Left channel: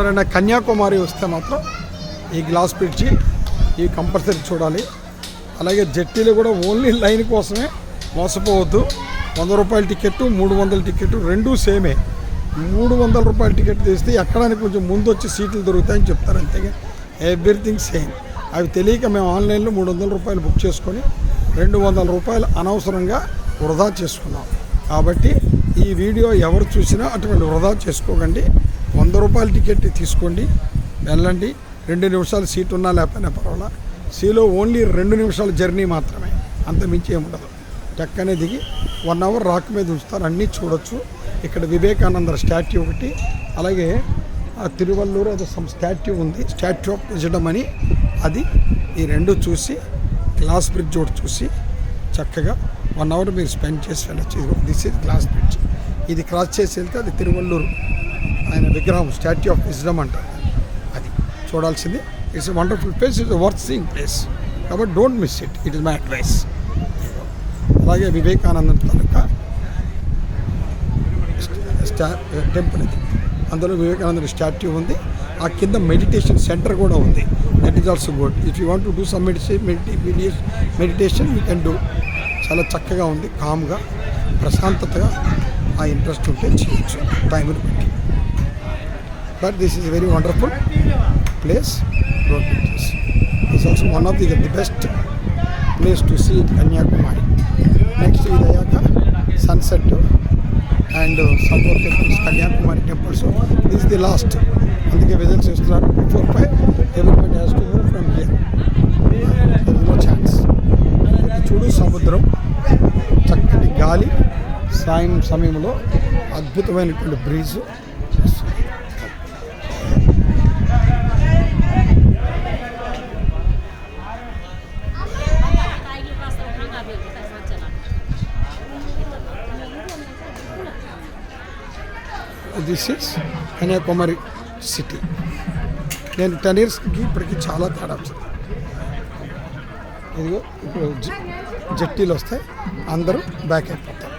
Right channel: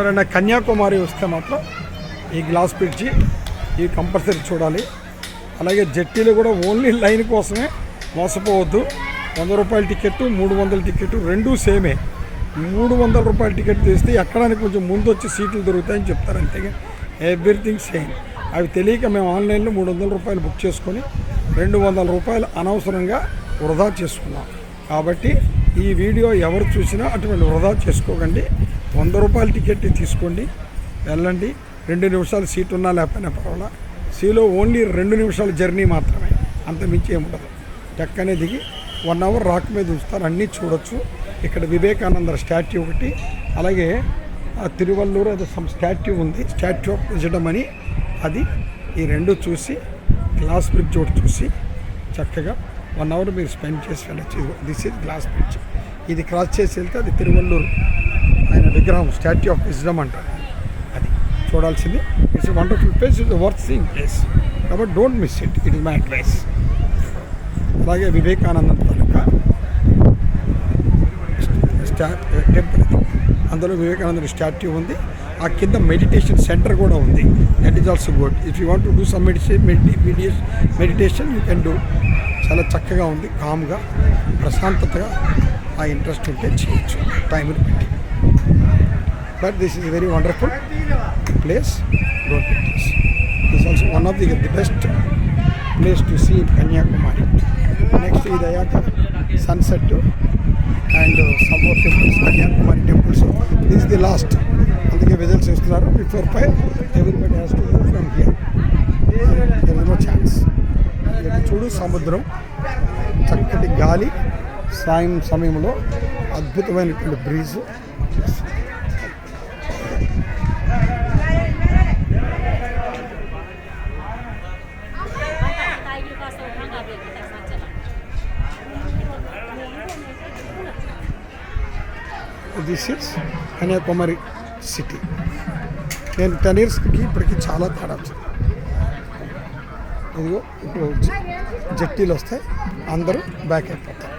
ఎవరైనా కన్యాకుమారి వస్తే మాత్రం ఈ గ్లాస్ బ్రిడ్జి ఇవి కంపల్సరీ చూడాలి. అలాగే జెట్టీలు కూడా ఓన్లీ లైన్ కోసమే, మోసపోవద్దు. 100 రూపాయల టికెట్, 300 టికెట్ రెండూ సేమే. 300 రూపాయల టికెట్ తీస్తే ఎక్కడానికి కొంచెం ముందు వచ్చి సీట్లు దొరుకుతాయని చెప్తారు, అంతేగా ఎవ్రీథింగ్ సేమ్. అవి తెలియక మేము ఆన్లైన్లో 300 రూపాయలు బుక్ చేసుకొని 200 రూపాయలు అనవసరంగా వృధా చేసుకున్నాం. కాబట్టి ఈ వీడియో ఎవరు చూసినా అటువంటి వృధా చేసుకోకండి. 100 రూపాయల టికెట్ తీసుకోండి, వెళ్ళండి. 2 నిమిషాలు సీట్ ఉన్నా లేకపోయినా పర్వాలా. సీలో ఓన్లీ 2 నిమిషాల జర్నీ మాత్రమే, అంత మించి ఏముండదు. టక్కనే దిగి 1 అవర్ రాక్ మీద ఉంచుతారు, అన్నీ చూడొచ్చు. ఇక్కడ వివేకానంద స్టాట్యూ ఒకటి, అలాగే తిరువల్లూరు ఏదో సమ్ స్టాట్యూ ఉంది, స్టాట్యూ ఆఫ్ విజడం అని, అది. ఈ రెండు చూసి గ్లాస్ బ్రిడ్జ్ ఒకటి చూసి చక్కగా 1 అవర్ మీరు స్పెండ్ చేసి వెళ్ళచ్చు. This is glass bridge. ఇది క్రాస్ చేసి వెళ్తే అది తిరువల్లూరు ఆయన విగ్రహం, స్టాట్యూ ఆఫ్ విజడం అంటారు, అది చూడాల్సింది. It's a wonderful place, it's a worth seeing place. కాబట్టి don't miss it, it is my advice. అలాగే వివేకానంద తాలూకా టెంపుల్, అందులో వివేకానంద స్టాట్యూ ఉంది. ఆ కింద మెడిటేషన్ సెంటర్ కూడా ఉంది, that is also good. If you want to do some meditation you can do. చాలా చక్కగా ఉంది, కామ్గా, ప్రశాంతతగా. ఆ ఇంట్రెస్ట్ ఉంటే చేయొచ్చు టైంని బట్టి. But this is very wonderful place. Don't miss this. It's also one of the best place to see in Kanyakumari. Next ఇది అయ్యాక sunset and some more temples, Kanyakumari temples. This the last, అందుకే విజిల్స్ ఇస్తున్నారు. Before 5 everybody has to move from here, there is no chance. ఇది చూడు, సముద్రం, చక్కటి గాలి, సాయం సమయంలో అద్భుతమైనటువంటి breeze. This is Kanyakumari city. నేను 10 ఇయర్స్కి ఇప్పటికి చాలా తేడా వచ్చింది. ఇదిగో ఇప్పుడు జెట్టీలు వస్తాయి, అందరూ బ్యాక్ అయిపోతారు.